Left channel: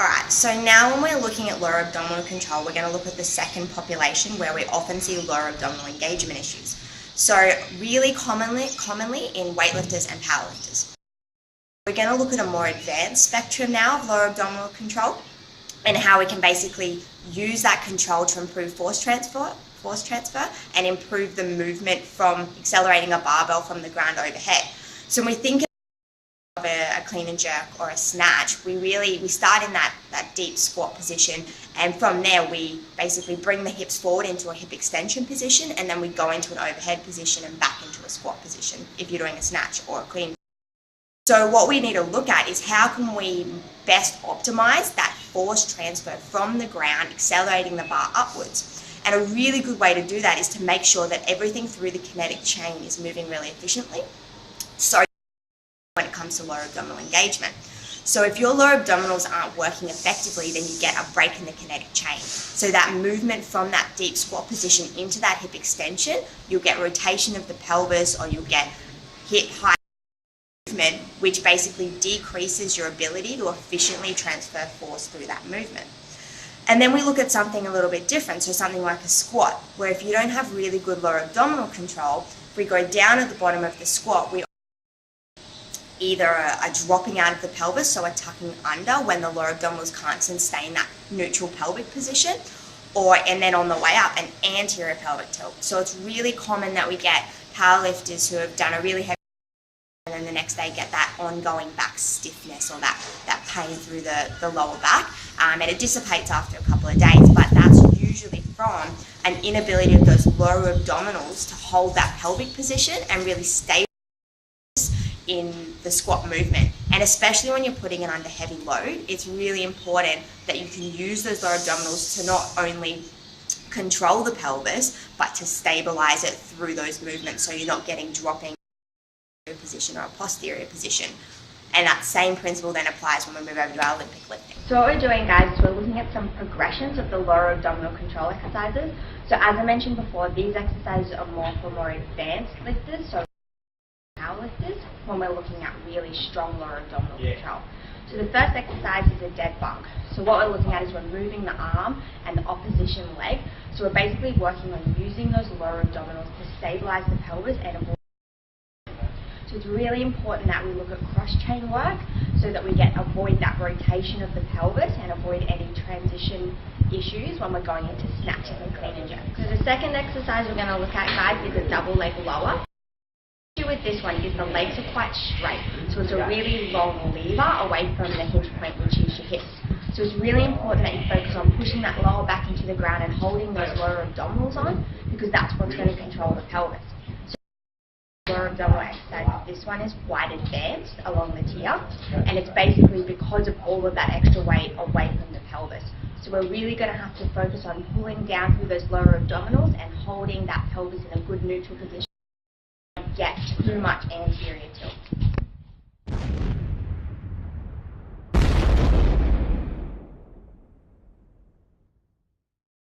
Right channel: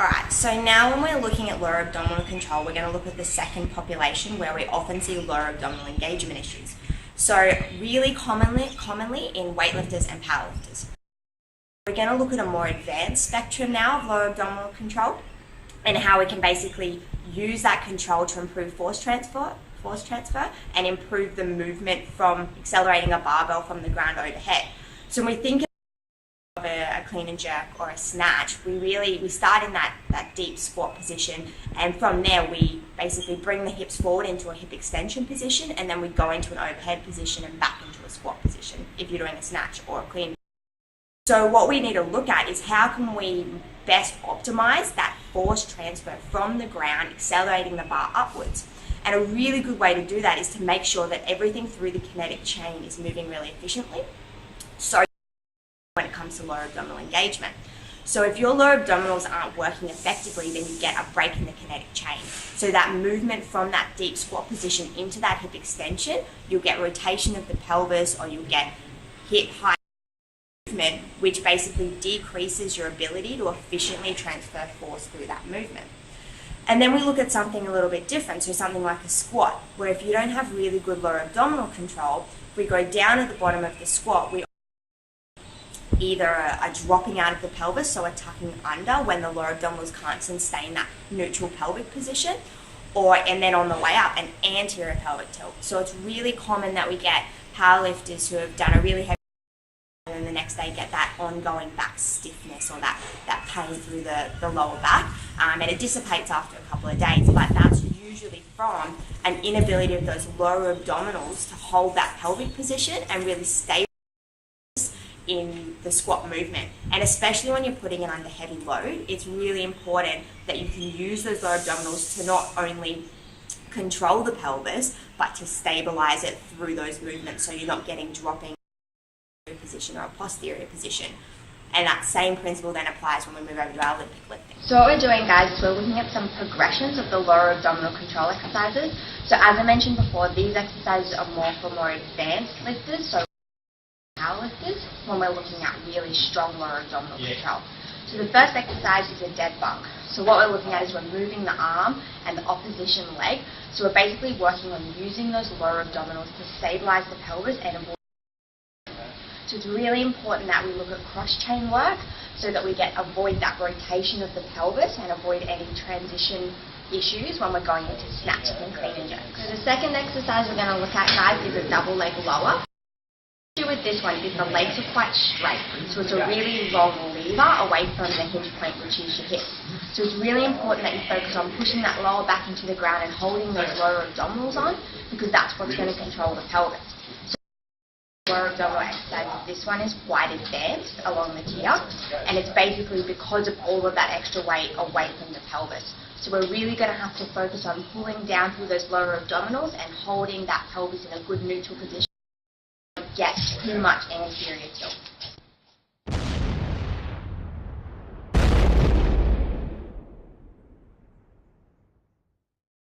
Alright, so now when we're looking at lower abdominal control, we're going to look at the second population where we often see lower abdominal engagement issues. So really commonly in weightlifters and powerlifters. We're going to look at a more advanced spectrum now of lower abdominal control and how we can basically use that control to improve force transfer and improve the movement from accelerating a barbell from the ground overhead. So when we think of a clean and jerk or a snatch, we start in that deep squat position, and from there we basically bring the hips forward into a hip extension position, and then we go into an overhead position and back into a squat position if you're doing a snatch or a clean. So what we need to look at is how can we best optimize that force transfer from the ground, accelerating the bar upwards. And a really good way to do that is to make sure that everything through the kinetic chain is moving really efficiently. So when it comes to lower abdominal engagement. So if your lower abdominals aren't working effectively, then you get a break in the kinetic chain. So that movement from that deep squat position into that hip extension, you'll get rotation of the pelvis, or you'll get hip height movement, which basically decreases your ability to efficiently transfer force through that movement. And then we look at something a little bit different, so something like a squat, where if you don't have really good lower abdominal control, if we go down at the bottom of the squat, we either a dropping out of the pelvis, so a tucking under when the lower abdominals can't sustain that neutral pelvic position, and then on the way up, an anterior pelvic tilt. So it's really common that we get powerlifters who have done a really heavy and then the next day get that ongoing back stiffness or that pain through the lower back, and it dissipates after a couple of days, but that's usually from an inability of those lower abdominals to hold that pelvic position and really stay in the squat movement. And especially when you're putting it under heavy load, it's really important that you can use those lower abdominals to not only control the pelvis, but to stabilize it through those movements, so you're not getting dropping position or a posterior position. And that same principle then applies when we move over to our Olympic lifting. So what we're doing, guys, is we're looking at some progressions of the lower abdominal control exercises. So as I mentioned before, these exercises are more for more advanced lifters, so powerlifters, when we're looking at really strong lower abdominal control. So the first exercise is a dead bug. So what we're looking at is we're moving the arm and the opposition leg. So we're basically working on using those lower abdominals to stabilize the pelvis and avoid. So it's really important that we look at cross-chain work so that we avoid that rotation of the pelvis and avoid any transition issues when we're going into snatches and clean and jerk. So the second exercise we're going to look at, guys, is a double leg lower. The issue with this one is the legs are quite straight, so it's a really long lever away from the hinge point, which is your hips. So it's really important that you focus on pushing that lower back into the ground and holding those lower abdominals on, because that's what's going to control the pelvis. Lower abdominal exercise, this one is quite advanced along the tier, and it's basically because of all of that extra weight away from the pelvis. So we're really going to have to focus on pulling down through those lower abdominals and holding that pelvis in a good neutral position. Get too much anterior tilt.